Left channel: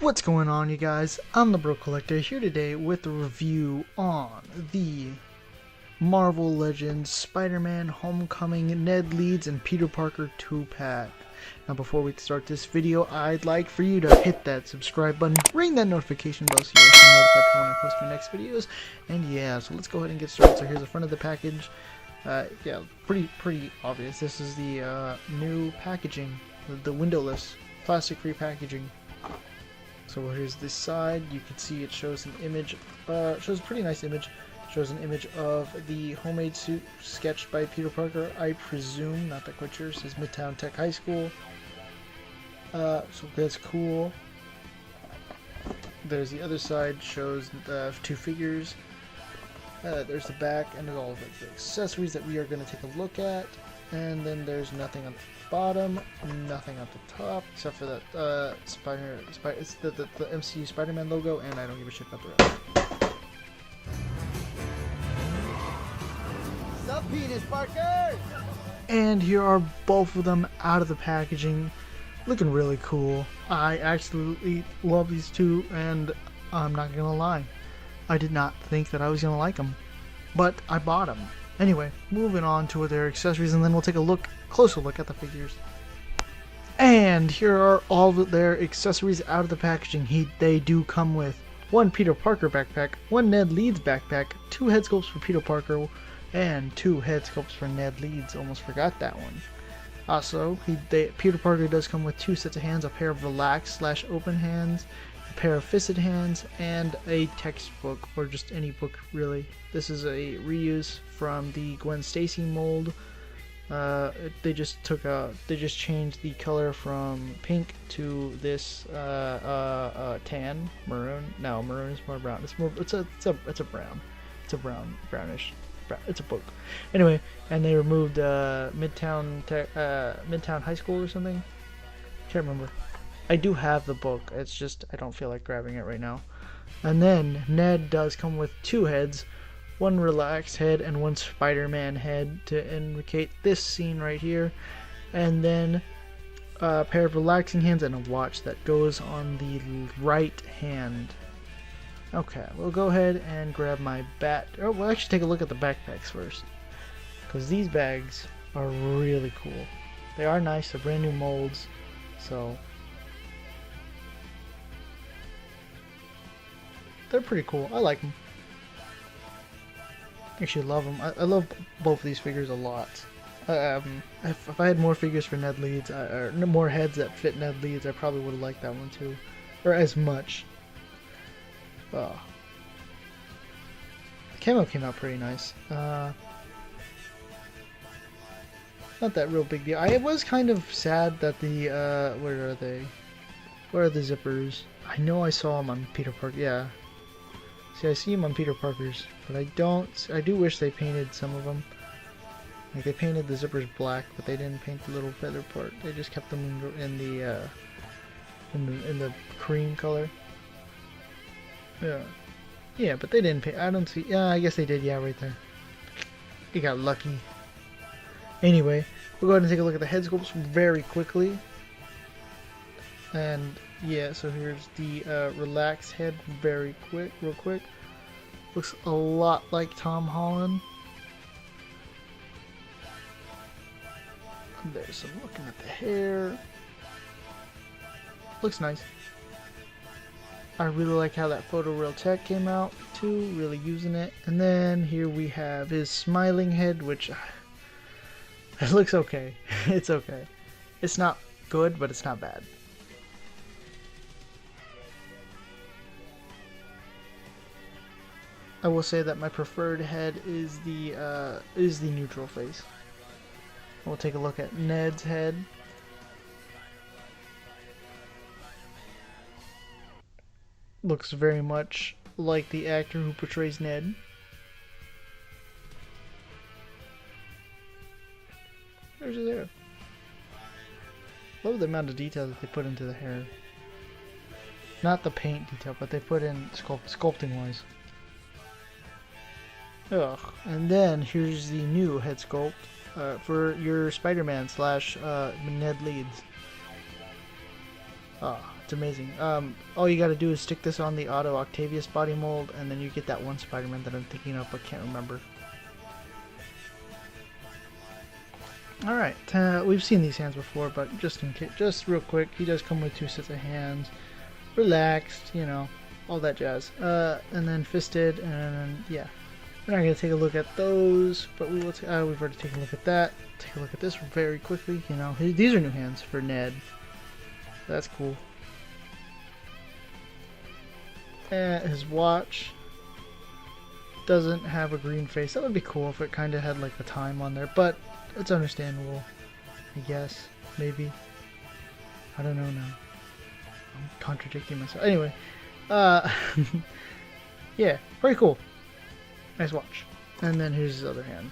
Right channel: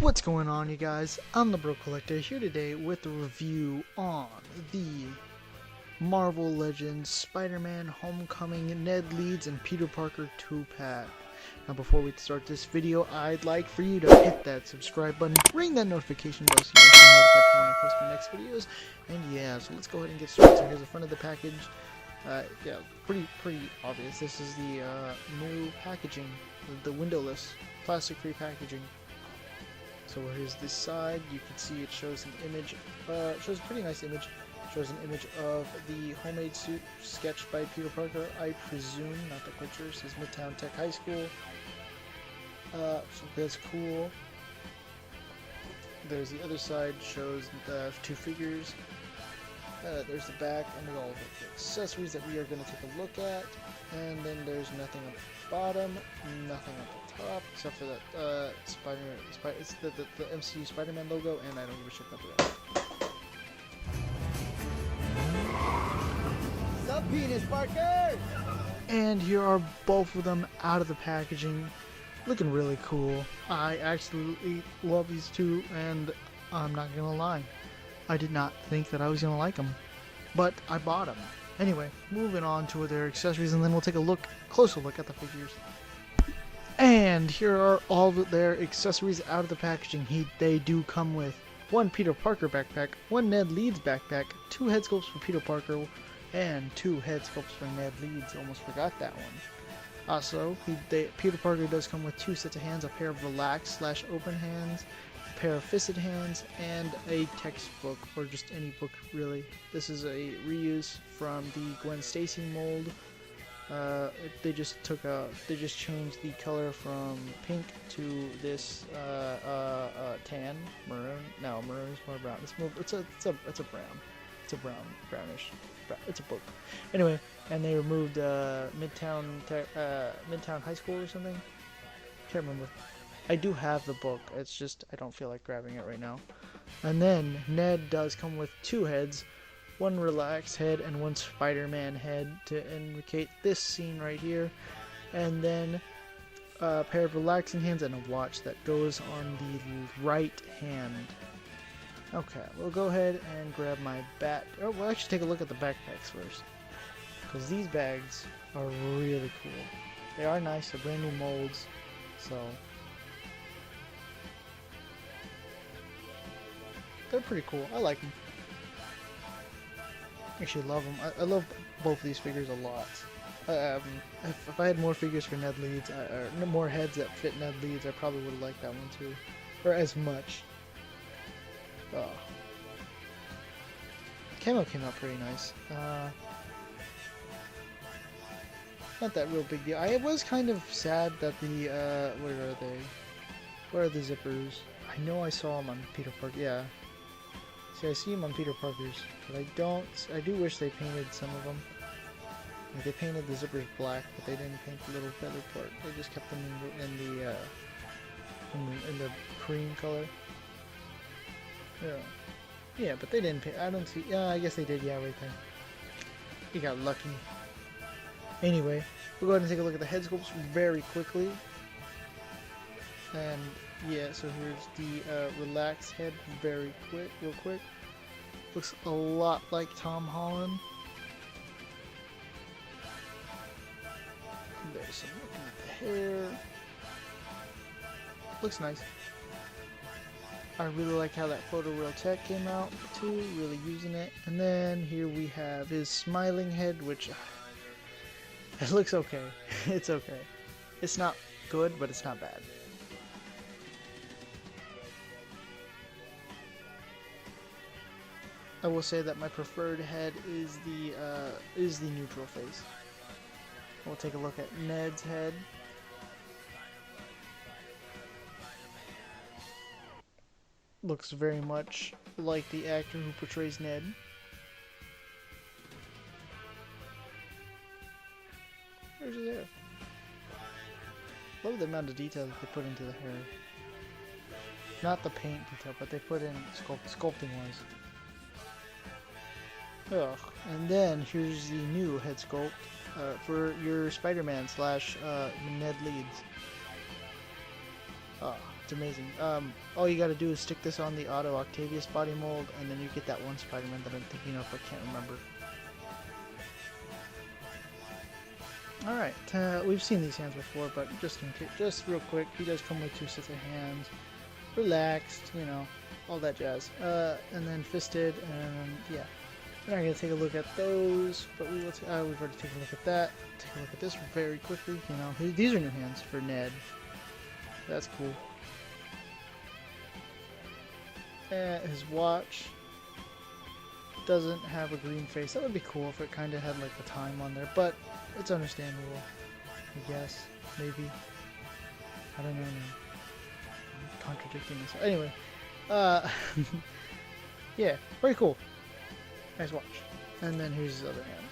What's going on, you guys? I'm the Bro Collector here today with a review on the Marvel Legends Spider-Man Homecoming Ned Leeds and Peter Parker 2-pack. Now before we start this video, I'd like for you to hit that subscribe button, ring that notification bell so you get notified when I post my next videos. And yeah, so let's go ahead and get started. So here's the front of the package. Yeah, pretty obvious. This is the new packaging, the windowless, plastic-free packaging. So here's this side. You can see it shows an image, shows a pretty nice image. Shows an image of the homemade suit sketched by Peter Parker, I presume, not that quite sure. It says Midtown Tech High School. So that's cool. There's the other side, shows the two figures. There's the back and all of the accessories that we are going to take a look at. And then there's nothing on the bottom, nothing at the top, except for that it's the MCU Spider-Man logo, and I don't give a shit about the rest. Sup, Penis Parker? And here are both of them out of the packaging, looking really cool. I absolutely love these two, and I'm not gonna lie, I did not think that I was gonna like them, but I bought them. Anyway, moving on to their accessories, and then we'll take a closer look at the figures. And here are all of their accessories out of the packaging. They do come with one Peter Parker backpack, one Ned Leeds backpack, two head sculpts for Peter Parker, and two head sculpts for Ned Leeds. Almost forgot that one. Also, Peter Parker does come with two sets of hands, a pair of relaxed/open hands, a pair of fisted hands, and a textbook, or just any book really. This is a reuse from the Gwen Stacy mold. They just changed the color from pink to this tan, maroon. No, maroon is more brown. It's a brownish. It's a book. Anyway, and they removed Midtown High School or something. Can't remember. I do have the book. It's just I don't feel like grabbing it right now. And then Ned does come with two heads. One relaxed head and one Spider-Man head to indicate this scene right here, and then a pair of relaxing hands and a watch that goes on the right hand. Okay, we'll go ahead and grab my bat. Oh, we'll actually take a look at the backpacks first, because these bags are really cool. They are nice, they're brand new molds, so they're pretty cool. I like them. Actually love them. I love both of these figures a lot. If I had more figures for Ned Leeds, or more heads that fit Ned Leeds, I probably would have liked that one too. Or as much. Oh. Camo came out pretty nice. Not that real big deal. I was kind of sad that the, where are they? Where are the zippers? I know I saw them on Peter Parker, yeah. See, I see them on Peter Parker's, but I do wish they painted some of them. Like, they painted the zippers black, but they didn't paint the little feather part. They just kept them in the cream color. Yeah. Yeah, but they didn't paint, I don't see, yeah, I guess they did, yeah, right there. You got lucky. Anyway, we'll go ahead and take a look at the head sculpts very quickly. And yeah, so here's the relaxed head real quick. Looks a lot like Tom Holland. There's some looking at the hair. Looks nice. I really like how that photoreal tech came out too, really using it. And then here we have his smiling head, which it looks okay. It's okay. It's not good, but it's not bad. I will say that my preferred head is the neutral face. We'll take a look at Ned's head. Looks very much like the actor who portrays Ned. There's his hair. Love the amount of detail that they put into the hair. Not the paint detail, but they put in sculpting wise. Ugh. And then here's the new head sculpt for your Spider-Man slash Ned Leeds. It's amazing. All you gotta do is stick this on the Otto Octavius body mold, and then you get that one Spider-Man that I'm thinking of but can't remember. Alright, we've seen these hands before, but just in case, just real quick, he does come with 2 sets of hands. Relaxed, you know, all that jazz. And then fisted, and yeah. We're not going to take a look at those, but we will we've already taken a look at that. Take a look at this very quickly, you know. These are new hands for Ned. That's cool. His watch doesn't have a green face. That would be cool if it kind of had like the time on there, but it's understandable, I guess. Maybe. I don't know now. I'm contradicting myself. Anyway, yeah, very cool. Nice watch. And then here's his other hand.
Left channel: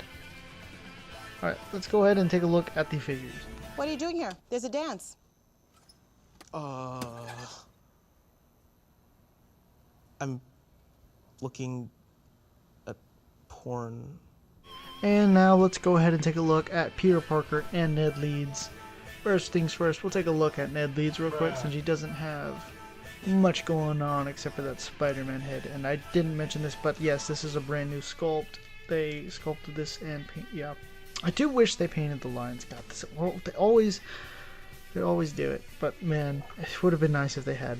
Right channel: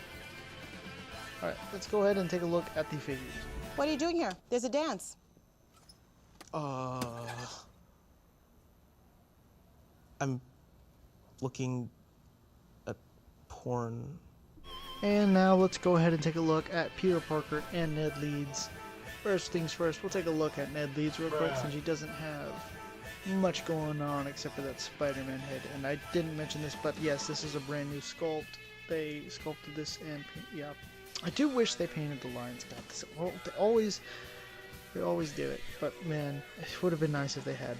Alright, let's go ahead and take a look at the figures. What are you doing here? There's a dance. I'm looking at porn. And now let's go ahead and take a look at Peter Parker and Ned Leeds. First things first, we'll take a look at Ned Leeds real quick since he doesn't have much going on except for that Spider-Man head. And I didn't mention this, but yes, this is a brand new sculpt. They sculpted this and yeah. I do wish they painted the lines. God, this, well, they always do it, but man, it would have been nice if they had.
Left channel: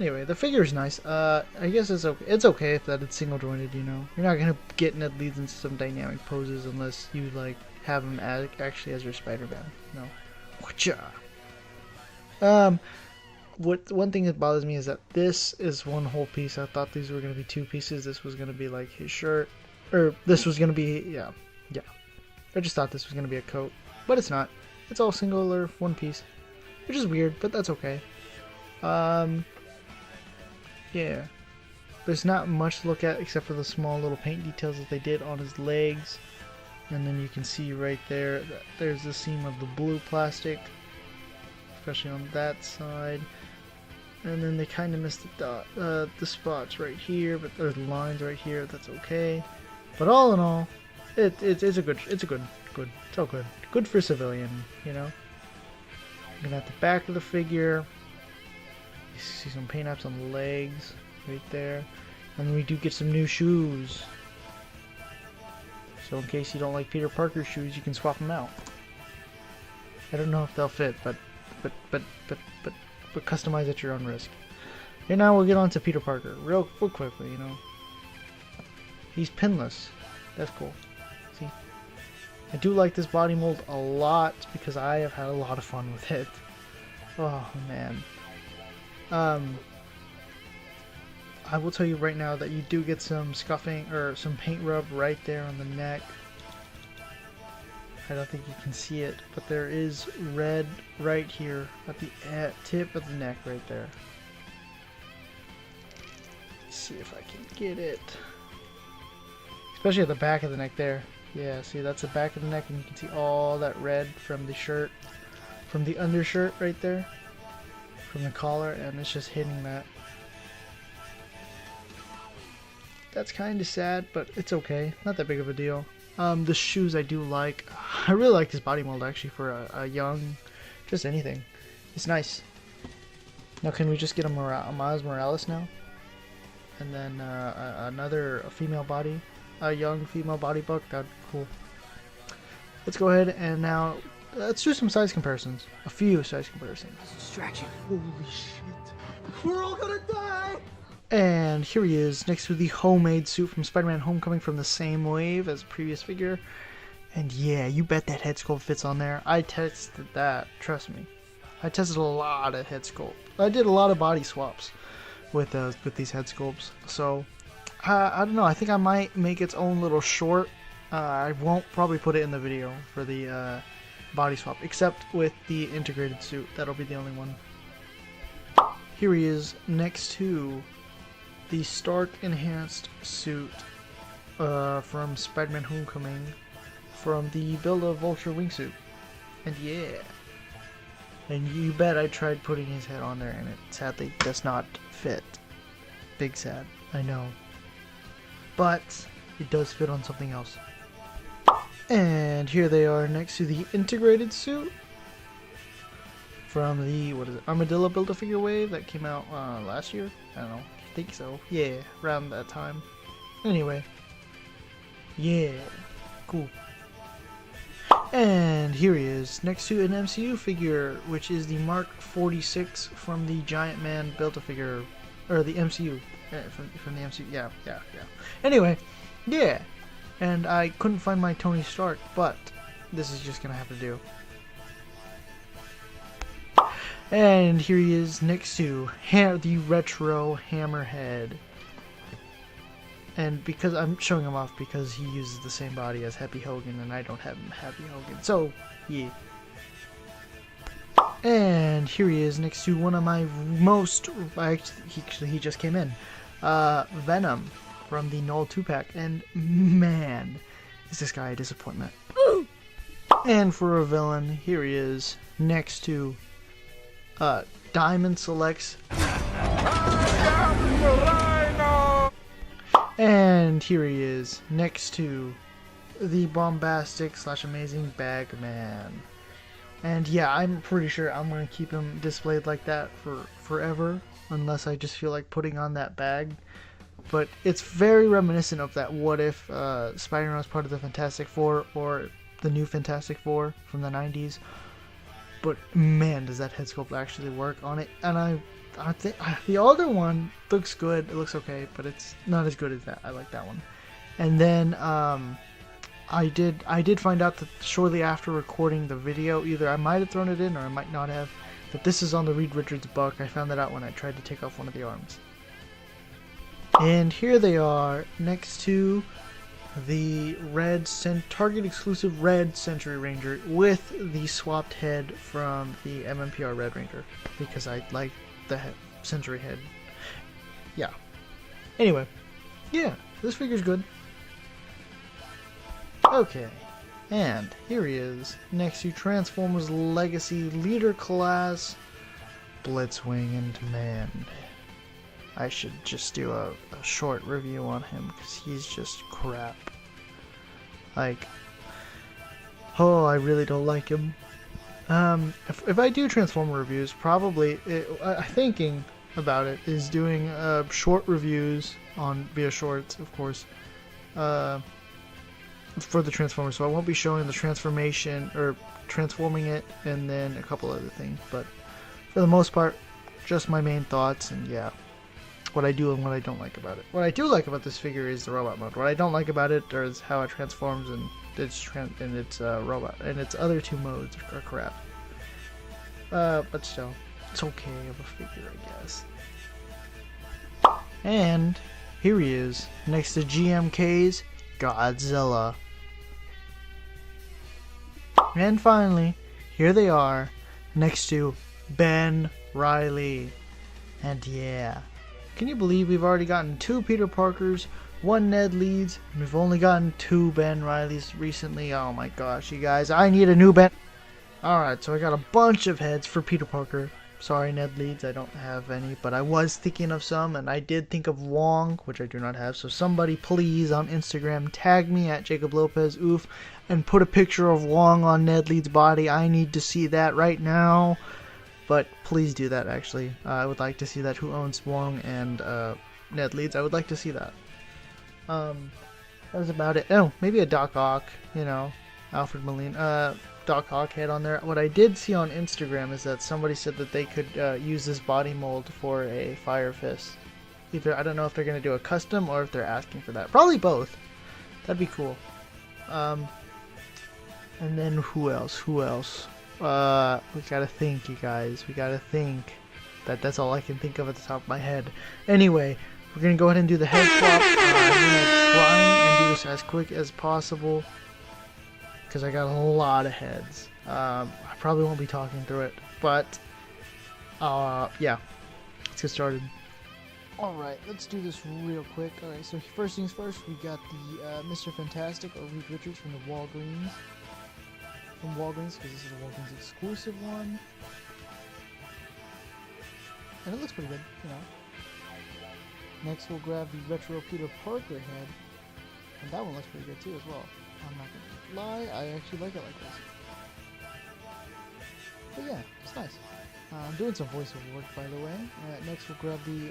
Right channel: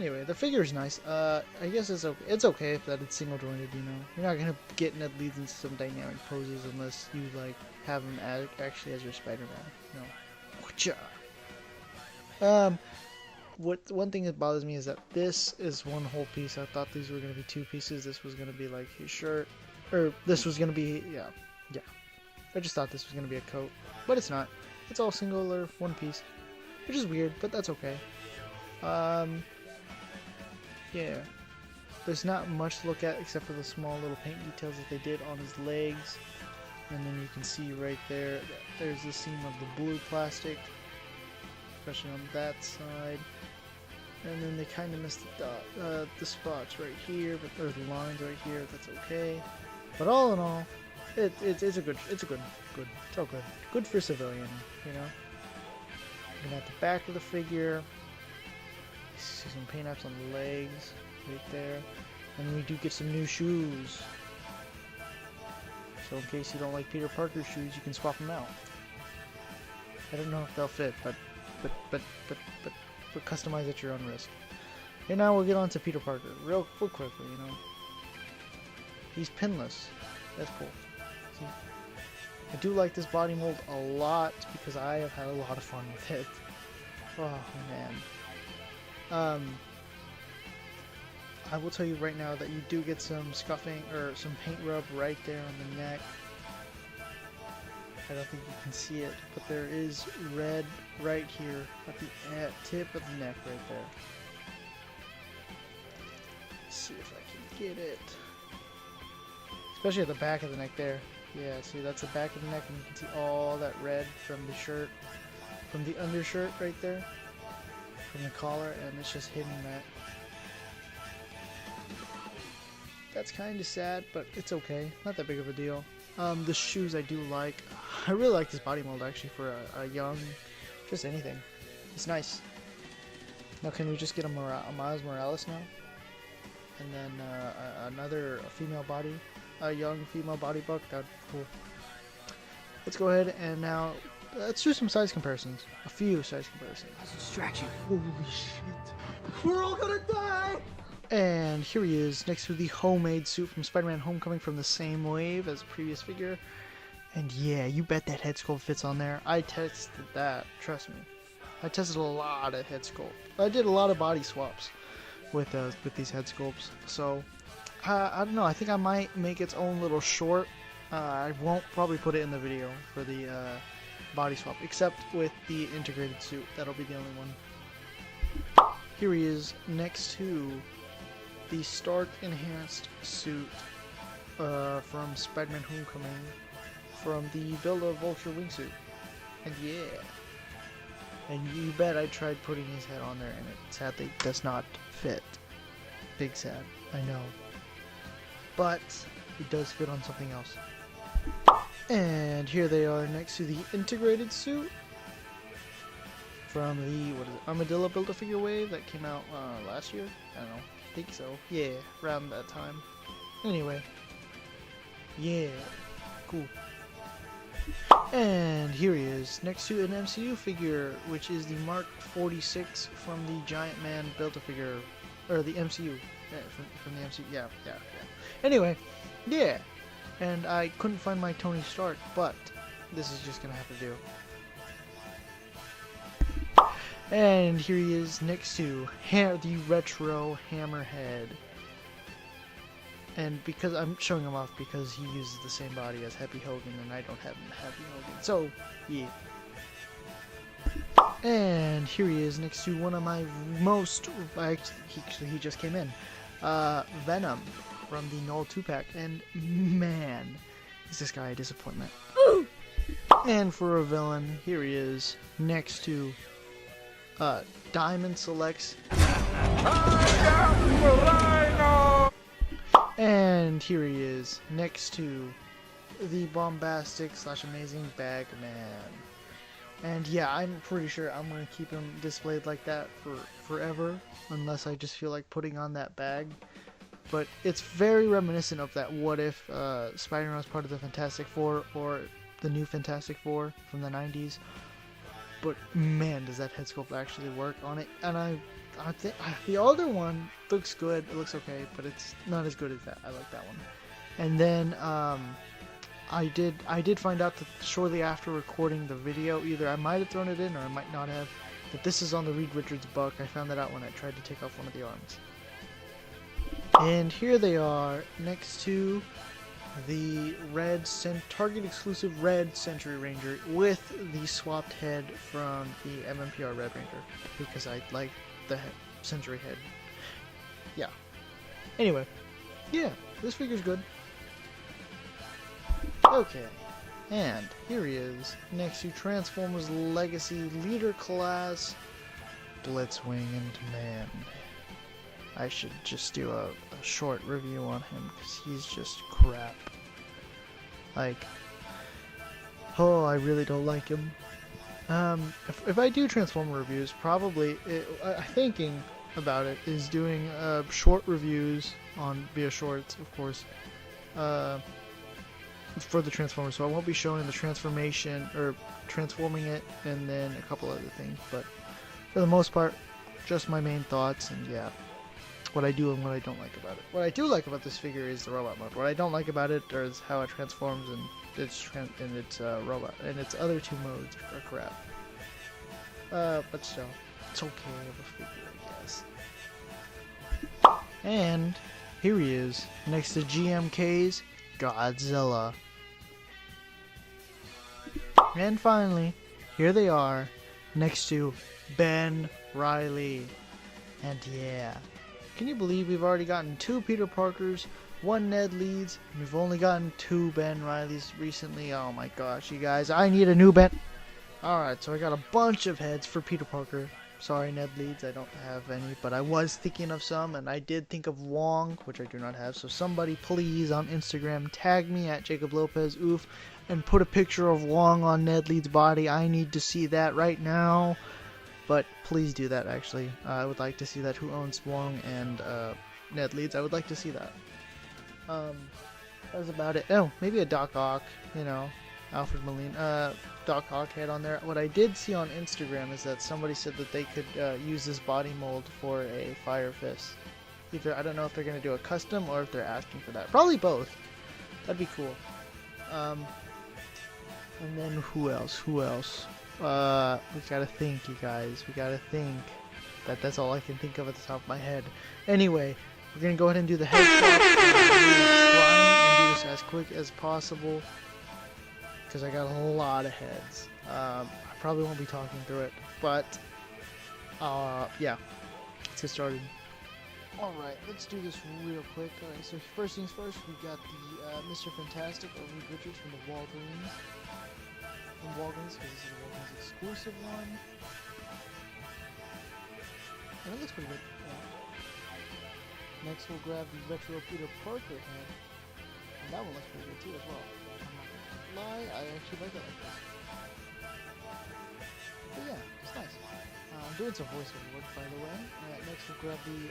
Anyway, the figure is nice. I guess it's okay. It's okay if that it's single jointed. You know, you're not gonna get Ned Leeds into some dynamic poses unless you like have him actually as your Spider-Man. No. What one thing that bothers me is that this is one whole piece. I thought these were gonna be 2 pieces. This was gonna be like his shirt, or this was gonna be yeah. I just thought this was gonna be a coat, but it's not. It's all singular, one piece, which is weird, but that's okay. Yeah. There's not much to look at except for the small little paint details that they did on his legs. And then you can see right there that there's the seam of the blue plastic, especially on that side. And then they kind of missed the spots right here, but there's lines right here. That's okay. But all in all, it's all good. Good for civilian, you know. We got the back of the figure. You see some paint apps on the legs right there. And we do get some new shoes. So in case you don't like Peter Parker's shoes, you can swap them out. I don't know if they'll fit, but customize at your own risk. And now we'll get on to Peter Parker real quickly, you know. He's pinless. That's cool. See? I do like this body mold a lot because I have had a lot of fun with it. Oh man. I will tell you right now that you do get some scuffing or some paint rub right there on the neck. I don't think you can see it, but there is red right here at the tip of the neck right there. Let's see if I can get it. Especially at the back of the neck there. Yeah, see, that's the back of the neck, and you can see all that red from the shirt, from the undershirt right there, from the collar, and it's just hitting that. That's kind of sad, but it's okay. Not that big of a deal. The shoes I do like. I really like this body mold actually for a young, just anything. It's nice. Now can we just get a Miles Morales now? And then another female body, a young female body book. That'd be cool. Let's go ahead and now let's do some size comparisons. A few size comparisons. That's a distraction. Holy shit. We're all gonna die! And here he is, next to the homemade suit from Spider-Man Homecoming from the same wave as the previous figure. And yeah, you bet that head sculpt fits on there. I tested that, trust me. I tested a lot of head sculpt. I did a lot of body swaps with these head sculpts. So, I don't know, I think I might make its own little short. I won't probably put it in the video for the body swap, except with the integrated suit. That'll be the only one. Here he is, next to the Stark Enhanced suit from Spider-Man Homecoming from the build of Vulture wingsuit. And yeah. And you bet I tried putting his head on there and it sadly does not fit. Big sad, I know. But it does fit on something else. And here they are next to the integrated suit from the, what is it, Armadillo Build-A-Figure wave that came out last year? I don't know. I think so. Yeah, around that time. Anyway. Yeah. Cool. And here he is, next to an MCU figure, which is the Mark 46 from the Giant Man Build-A-Figure, or the MCU, from the MCU, yeah. Anyway, yeah, and I couldn't find my Tony Stark, but this is just gonna have to do. And here he is next to the retro Hammerhead. And because I'm showing him off because he uses the same body as Happy Hogan and I don't have Happy Hogan. So, yeah. And here he is next to one of my most, actually he just came in. Venom from the Null 2-pack. And man, is this guy a disappointment. And for a villain, here he is next to Diamond Selects. And here he is, next to the bombastic / amazing Bagman. And yeah, I'm pretty sure I'm going to keep him displayed like that for forever, unless I just feel like putting on that bag. But it's very reminiscent of that what if Spider-Man was part of the Fantastic Four, or the new Fantastic Four from the 90s. But man, does that head sculpt actually work on it. And I think the older one looks good. It looks okay, but it's not as good as that. I like that one. And then I did find out that shortly after recording the video, either I might have thrown it in or I might not have, that this is on the Reed Richards buck. I found that out when I tried to take off one of the arms. And here they are next to the Target exclusive red Century Ranger with the swapped head from the MMPR Red Ranger, because I like the Century head. Yeah. Anyway, yeah, this figure's good. Okay, and here he is next to Transformers Legacy Leader Class Blitzwing, and man, I should just do a short review on him because he's just crap. Like, oh, I really don't like him. If I do Transformer reviews, probably, thinking about it, is doing short reviews via shorts, of course, for the Transformers. So I won't be showing the transformation, or transforming it, and then a couple other things, but for the most part, just my main thoughts, and yeah, what I do and what I don't like about it. What I do like about this figure is the robot mode. What I don't like about it is how it transforms and its robot, and its other two modes are crap. But still, it's okay of a figure, I guess. And here he is, next to GMK's Godzilla. And finally, here they are, next to Ben Reilly. And yeah, can you believe we've already gotten 2 Peter Parkers, 1 Ned Leeds, and we've only gotten 2 Ben Reillys recently? Oh my gosh, you guys, I need a new Ben. Alright, so I got a bunch of heads for Peter Parker. Sorry, Ned Leeds, I don't have any, but I was thinking of some, and I did think of Wong, which I do not have. So somebody please on Instagram tag me at Jacob Lopez Oof and put a picture of Wong on Ned Leeds' body. I need to see that right now. But please do that, actually. I would like to see that. Who owns Wong and Ned Leeds? I would like to see that. That's about it. Oh, maybe a Doc Ock, you know, Alfred Molina. Doc Ock head on there. What I did see on Instagram is that somebody said that they could use this body mold for a Fire Fist. Either, I don't know if they're going to do a custom or if they're asking for that. Probably both. That'd be cool. And then who else? We gotta think, you guys. We gotta think. That's all I can think of at the top of my head. Anyway, we're gonna go ahead and do the head swap. I'm gonna do this as quick as possible because I got a lot of heads. I probably won't be talking through it, but yeah, let's get started. Alright, let's do this real quick. Alright, so first things first, we got the Mr. Fantastic, or Reed Richards from the Walgreens. Because this is a Walgreens exclusive one. And it looks pretty good, you know. Next we'll grab the retro Peter Parker head. And that one looks pretty good too as well. I'm not gonna lie, I actually like it like that. But yeah, it's nice. I'm doing some voiceover work, by the way. Next we'll grab the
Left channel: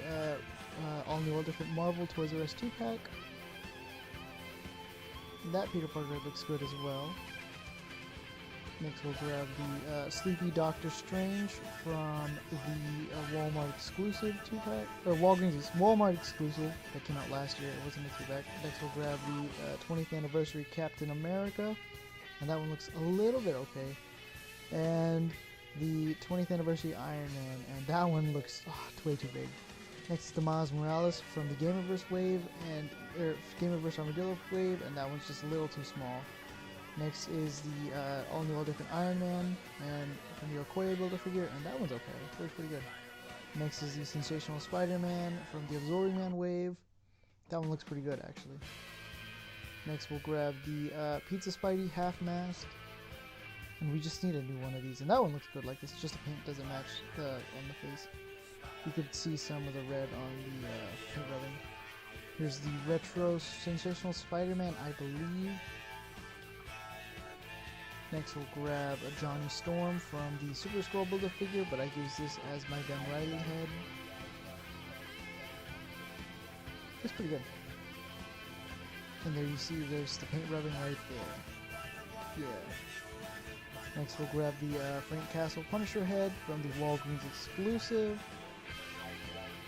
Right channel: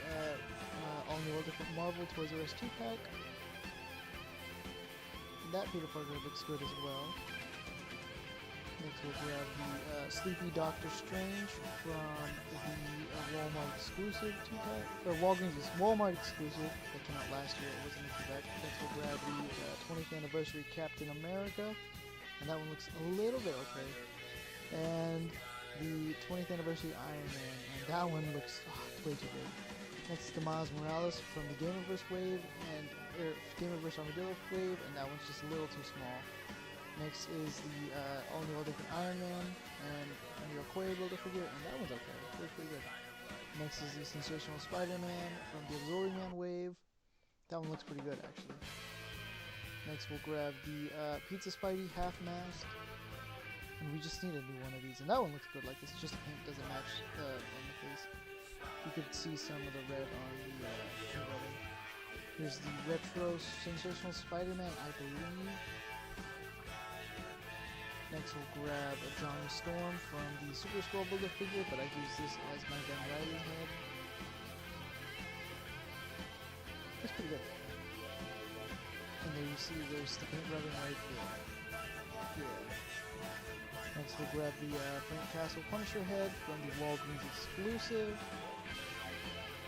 all new, all different Marvel Toys R Us 2-pack. That Peter Parker looks good as well. Next we'll grab the Sleepy Doctor Strange from the Walmart exclusive 2-pack, or Walmart exclusive that came out last year. It wasn't a 2-pack. Next we'll grab the 20th anniversary Captain America, and that one looks a little bit okay. And the 20th anniversary Iron Man, and that one looks way too big. Next, the Miles Morales from the Gamerverse wave, and Gamerverse Armadillo wave, and that one's just a little too small. Next is the all new, all different Iron Man, and from the Okoye Build-A-Figure, and that one's okay. It looks pretty good. Next is the Sensational Spider-Man from the Absorbing Man wave. That one looks pretty good, actually. Next, we'll grab the Pizza Spidey half mask. And we just need a new one of these, and that one looks good. Like, it's just the paint doesn't match on the face. You could see some of the red on the ribbon. Here's the retro Sensational Spider-Man, I believe. Next, we'll grab a Johnny Storm from the Super Scroll Build-A-Figure, but I use this as my Ben Reilly head. That's pretty good. And there you see there's the paint rubbing right there. Yeah. Next we'll grab the Frank Castle Punisher head from the Walgreens exclusive.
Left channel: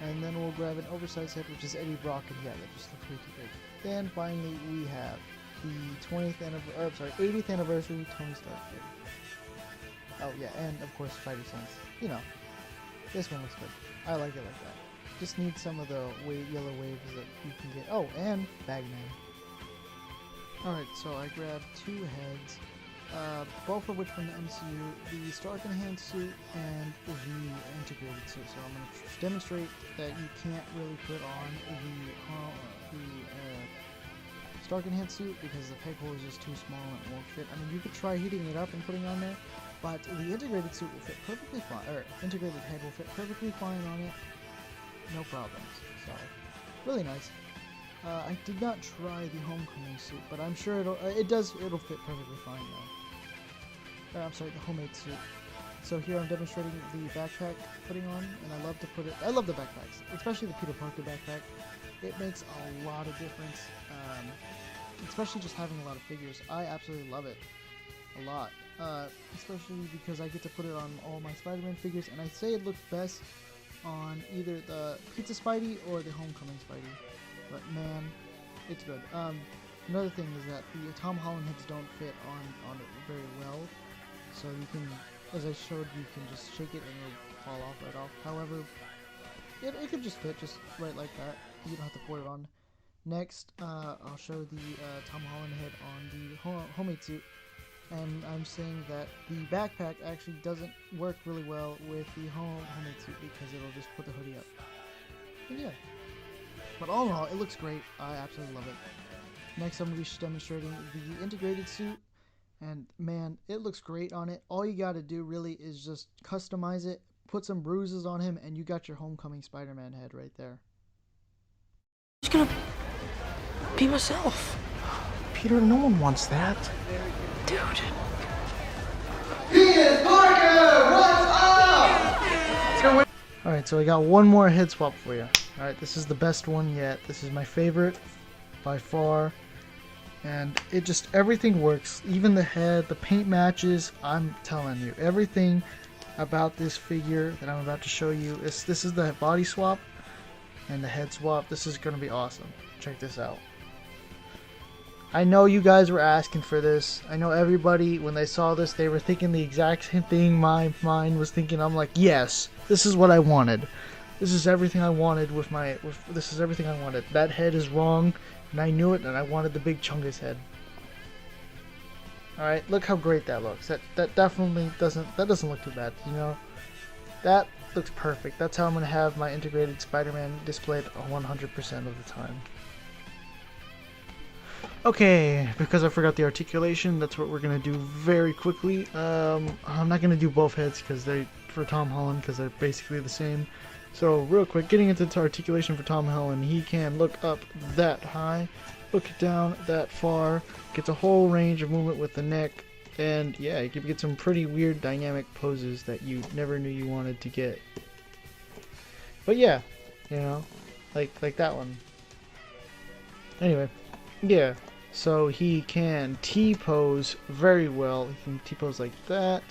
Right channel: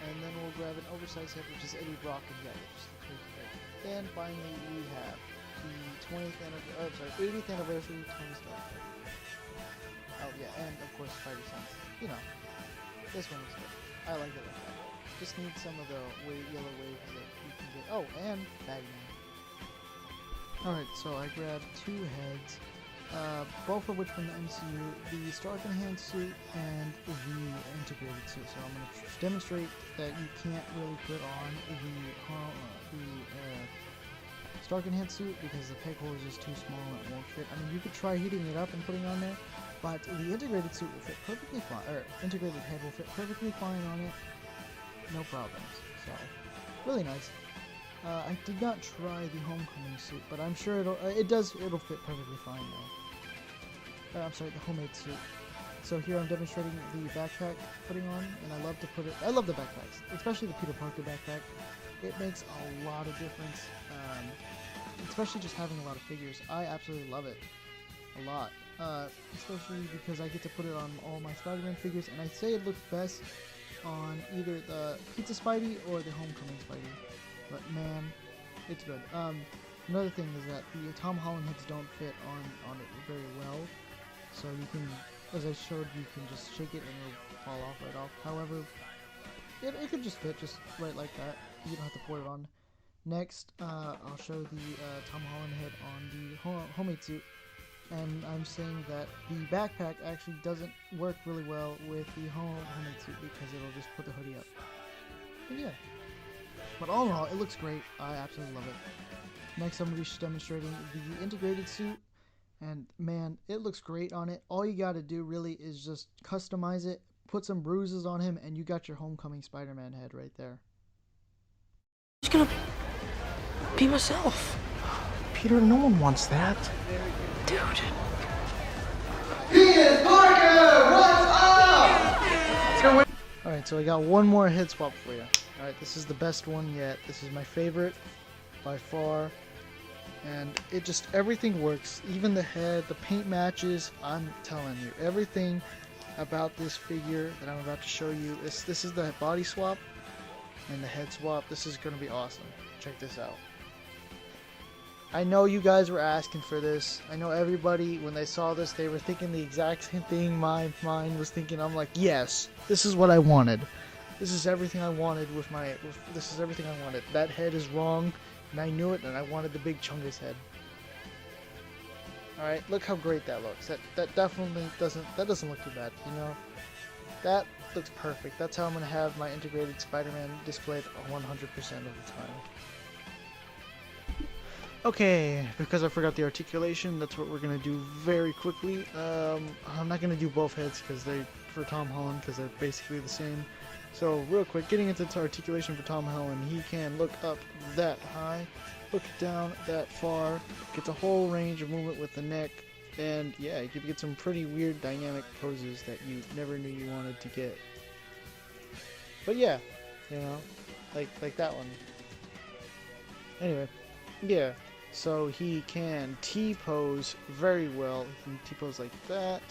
And then we'll grab an oversized head, which is Eddie Brock again. That just looks pretty big. And finally we have the 80th anniversary Tony Stark head. Oh yeah, and of course Spidey Sense. You know, this one looks good. I like it like that. Just need some of the yellow waves that you can get. Oh, and Bagman. Alright, so I grabbed two heads. Both of which from the MCU, the Stark Enhanced suit and the integrated suit. So I'm going to demonstrate that you can't really put on the Stark Enhanced suit because the peg hole is just too small and it won't fit. I mean, you could try heating it up and putting it on there, but the integrated suit will fit perfectly fine, or integrated head will fit perfectly fine on it, no problems. So, really nice. I did not try the Homecoming suit, but I'm sure it'll fit perfectly fine though. I'm sorry, the homemade suit. So here I'm demonstrating the backpack putting on, and I love the backpacks, especially the Peter Parker backpack. It makes a lot of difference, especially just having a lot of figures. I absolutely love it a lot, especially because I get to put it on all my Spider-Man figures, and I say it looks best on either the Pizza Spidey or the Homecoming Spidey. But man, it's good. Another thing is that the Tom Holland heads don't fit on it very well. So you can, as I showed, you can just shake it and it'll fall off right off. However, it could just fit just right like that. You don't have to put it on. Next, I'll show the Tom Holland head on the homemade suit. And I'm saying that the backpack actually doesn't work really well with the homemade suit because it'll just put the hoodie up. And yeah. But all in all, it looks great. I absolutely love it. Next, I'm going to be demonstrating the integrated suit. And man, it looks great on it. All you got to do really is just customize it, put some bruises on him, and you got your Homecoming Spider-Man head right there. I'm just gonna be myself. Peter, no one wants that. Dude. Peter Parker, what's up? Alright, so we got one more head swap for you. Alright, this is the best one yet. This is my favorite by far. And it just, everything works. Even the head, the paint matches. I'm telling you, everything about this figure that I'm about to show you is, this is the body swap and the head swap. This is going to be awesome. Check this out. I know you guys were asking for this. I know everybody, when they saw this, they were thinking the exact same thing my mind was thinking. I'm like, yes, this is what I wanted. This is everything I wanted this is everything I wanted. That head is wrong, and I knew it, and I wanted the big Chungus head. Alright, look how great that looks. That definitely doesn't look too bad, you know? That looks perfect. That's how I'm going to have my integrated Spider-Man displayed 100% of the time. Okay, because I forgot the articulation, that's what we're going to do very quickly. I'm not going to do both heads for Tom Holland because they're basically the same. So real quick, getting into the articulation for Tom Holland, he can look up that high, look down that far, gets a whole range of movement with the neck, And yeah, you could get some pretty weird dynamic poses that you never knew you wanted to get. But yeah, you know, like that one. Anyway, yeah, so he can T-pose very well. He can T-pose like that.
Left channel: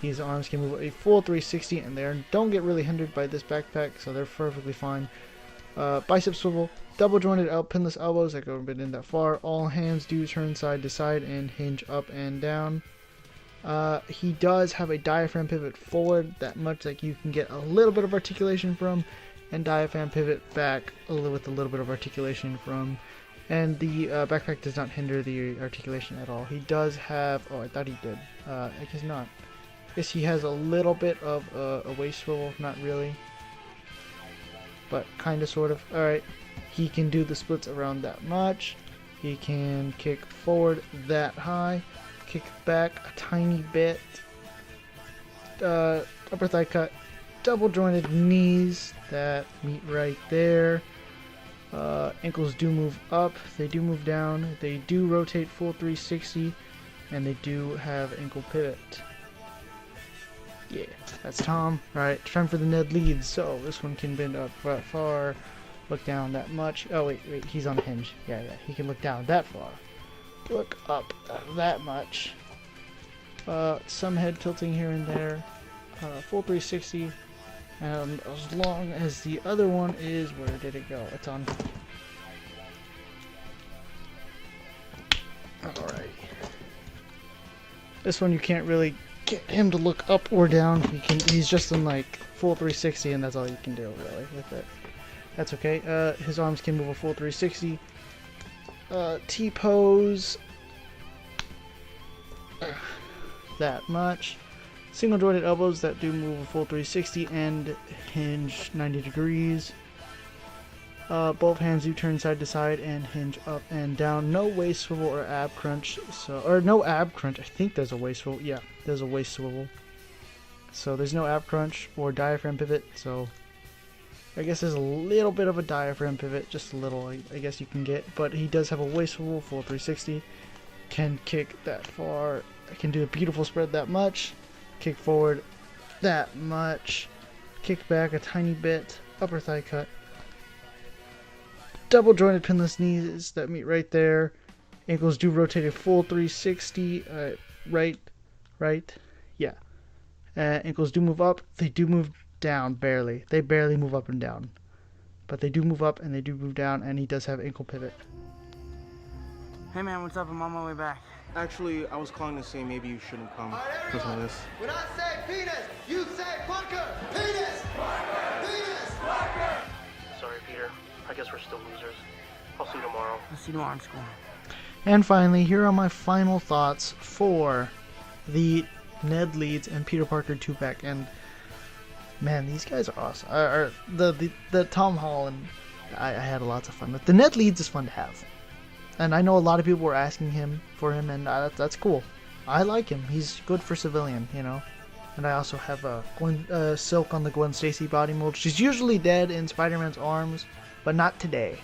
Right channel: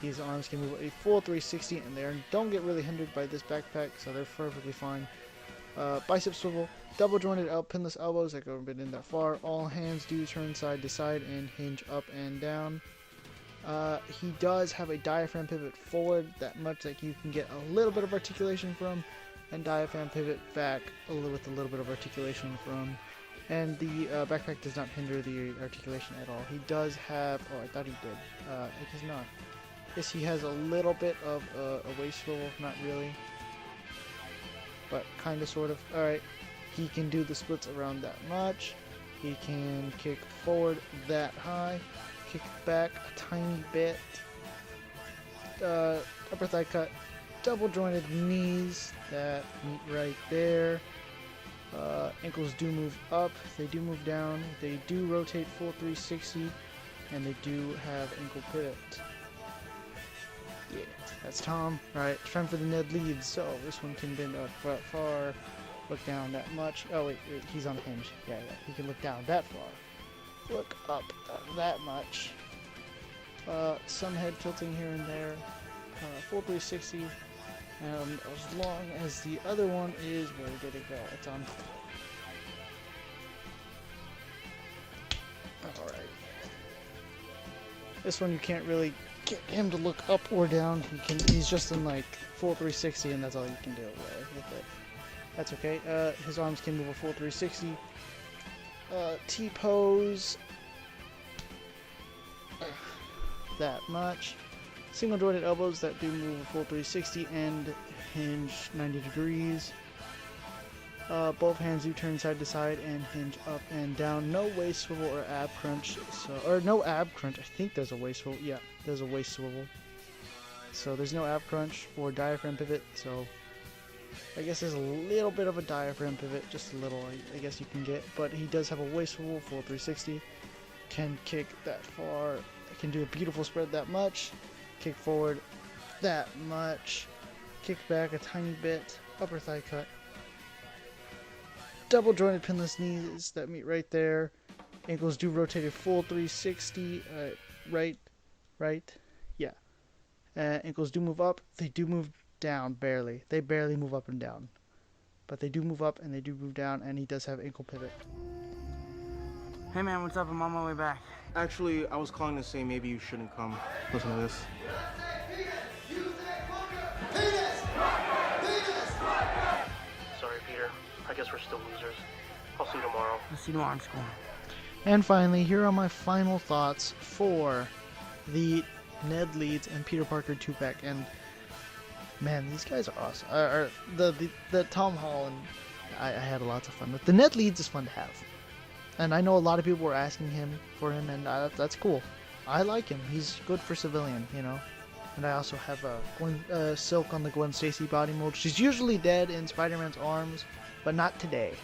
His arms can move a full 360, and they don't get really hindered by this backpack, so they're perfectly fine. Bicep swivel, double jointed pinless elbows that go a bit in that far. All hands do turn side to side and hinge up and down. He does have a diaphragm pivot forward, that much that you can get a little bit of articulation from, and diaphragm pivot back with a little bit of articulation from. And the backpack does not hinder the articulation at all. He does have, oh, I thought he did. It does not. Yes, he has a little bit of a waist swivel, not really, but kind of, sort of. Alright, he can do the splits around that much. He can kick forward that high, kick back a tiny bit, upper thigh cut, double jointed knees that meet right there. Ankles do move up, they do move down, they do rotate full 360, and they do have ankle pivot. Yeah, that's Tom. Alright, time for the Ned Leeds. So this one can bend up that far, look down that much. Oh wait, he's on a hinge. Yeah, he can look down that far, look up that much. Some head tilting here and there. Full 360. And as long as the other one is, where did it go? It's on. Alright. This one you can't really get him to look up or down. He's just in like full 360, and that's all you can do. Really, with it. That's okay. His arms can move a full 360. T-pose. That much. Single jointed elbows that do move a full 360 and hinge 90 degrees. Both hands do turn side to side and hinge up and down. No waist swivel or ab crunch. Or no ab crunch. I think there's a waist swivel. Yeah, there's a waist swivel. So there's no ab crunch or diaphragm pivot. So I guess there's a little bit of a diaphragm pivot, just a little, I guess you can get. But he does have a waist swivel, full 360. Can kick that far. Can do a beautiful spread that much. Kick forward that much. Kick back a tiny bit. Upper thigh cut. Double jointed pinless knees that meet right there. Ankles do rotate a full 360. Right. Yeah. Ankles do move up. They do move down barely. They barely move up and down. But they do move up and they do move down, and he does have ankle pivot. Hey man, what's up? I'm on my way back. Actually, I was calling to say maybe you shouldn't come. Listen to this. When I say penis, you say bunker. Penis! Penis! Sorry, Peter. I guess we're still losers. I'll see you tomorrow. I'll see you tomorrow in school. And finally, here are my final thoughts for the Ned Leeds and Peter Parker 2-pack. And man, these guys are awesome. The Tom Holland, I had lots of fun with. The Ned Leeds is fun to have. And I know a lot of people were asking for him, and that's cool. I like him. He's good for civilian, you know. And I also have Silk on the Gwen Stacy body mold. She's usually dead in Spider-Man's arms, but not today.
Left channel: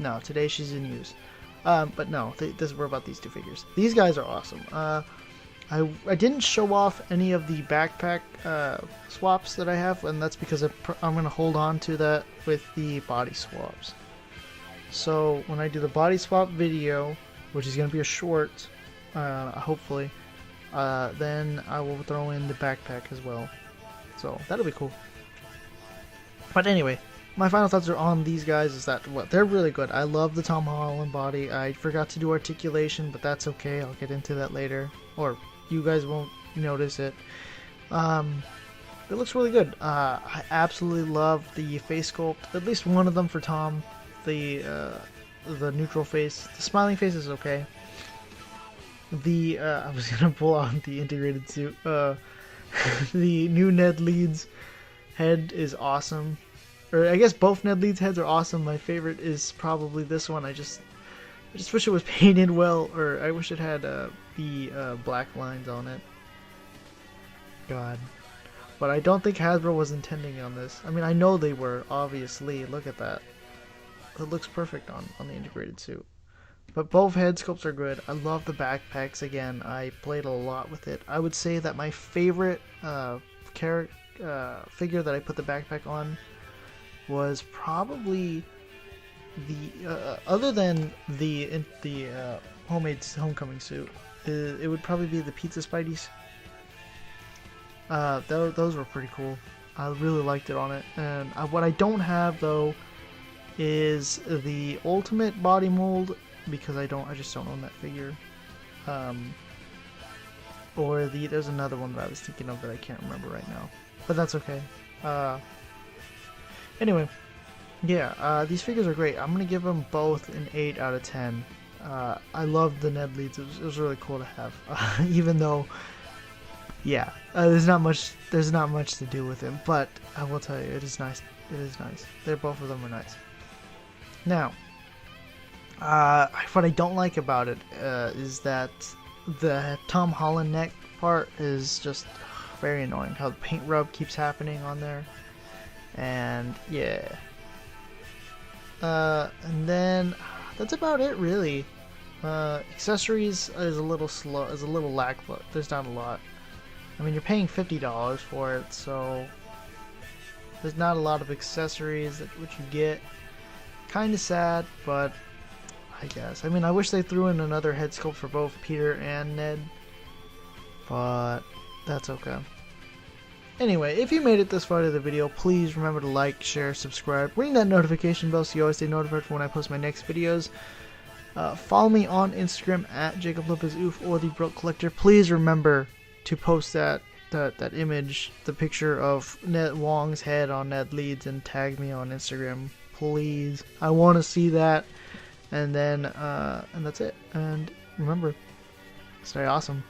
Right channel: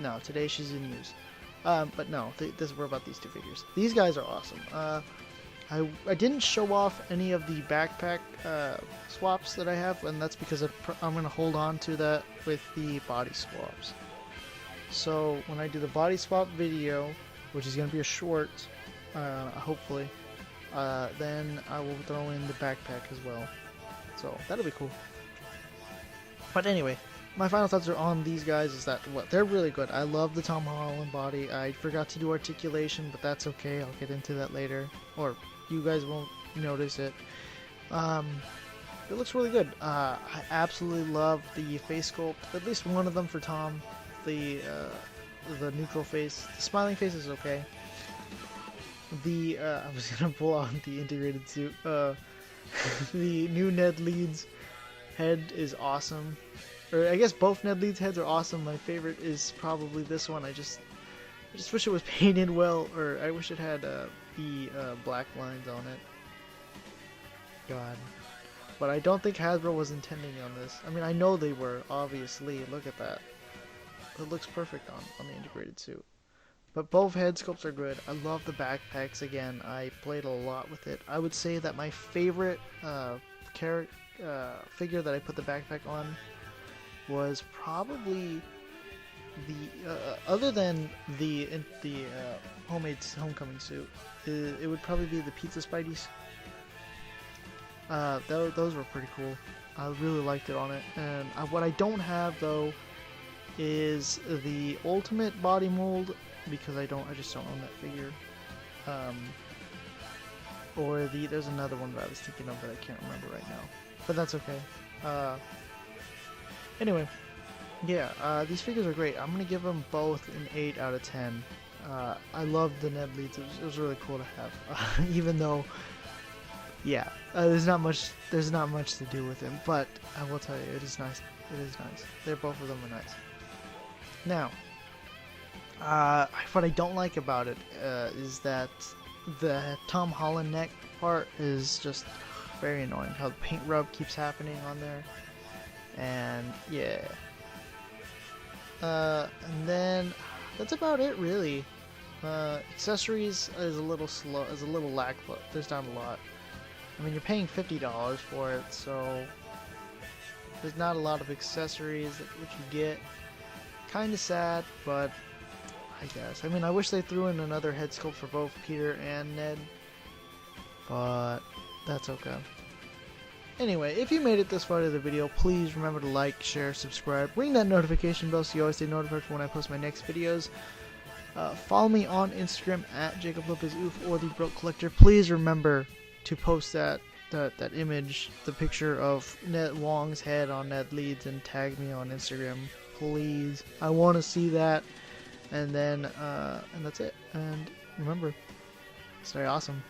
No, today she's in use. But no, we're about these two figures. These guys are awesome. I didn't show off any of the backpack swaps that I have, and that's because I'm going to hold on to that with the body swaps. So when I do the body swap video, which is going to be a short, hopefully, then I will throw in the backpack as well. So that'll be cool. But anyway, my final thoughts are on these guys is that they're really good. I love the Tom Holland body. I forgot to do articulation, but that's okay. I'll get into that later, or you guys won't notice it. It looks really good. I absolutely love the face sculpt. At least one of them for Tom. The neutral face. The smiling face is okay. I was gonna pull out the integrated suit. The new Ned Leeds head is awesome. Or I guess both Ned Leeds heads are awesome. My favorite is probably this one. I just wish it was painted well, or I wish it had the black lines on it. God. But I don't think Hasbro was intending on this. I mean, I know they were, obviously. Look at that. It looks perfect on the integrated suit. But both head sculpts are good. I love the backpacks. Again, I played a lot with it. I would say that my favorite figure that I put the backpack on was probably the other than the homemade homecoming suit. It would probably be the pizza Spideys. Those were pretty cool. I really liked it on it. And what I don't have though is the ultimate body mold, because I just don't own that figure. Or there's another one that I was thinking of that I can't remember right now, but that's okay. Anyway, yeah, these figures are great. I'm gonna give them both an 8 out of 10. I love the Ned Leeds. It was really cool to have, even though, yeah, there's not much to do with him. But I will tell you, it is nice. It is nice. Both of them are nice. Now, what I don't like about it is that the Tom Holland neck part is just very annoying. How the paint rub keeps happening on there, and yeah. And then that's about it, really. Accessories is a little slow, is a little lack, but there's not a lot. I mean, you're paying $50 for it, so there's not a lot of accessories which you get. Kind of sad, but I guess. I mean, I wish they threw in another head sculpt for both Peter and Ned, but that's okay. Anyway, if you made it this far to the video, please remember to like, share, subscribe, ring that notification bell so you always stay notified when I post my next videos. Follow me on Instagram at JacobLopezOof or the Broke Collector. Please remember to post that image, the picture of Ned Wong's head on Ned Leeds, and tag me on Instagram, please. I want to see that. And then, and that's it. And remember, stay awesome.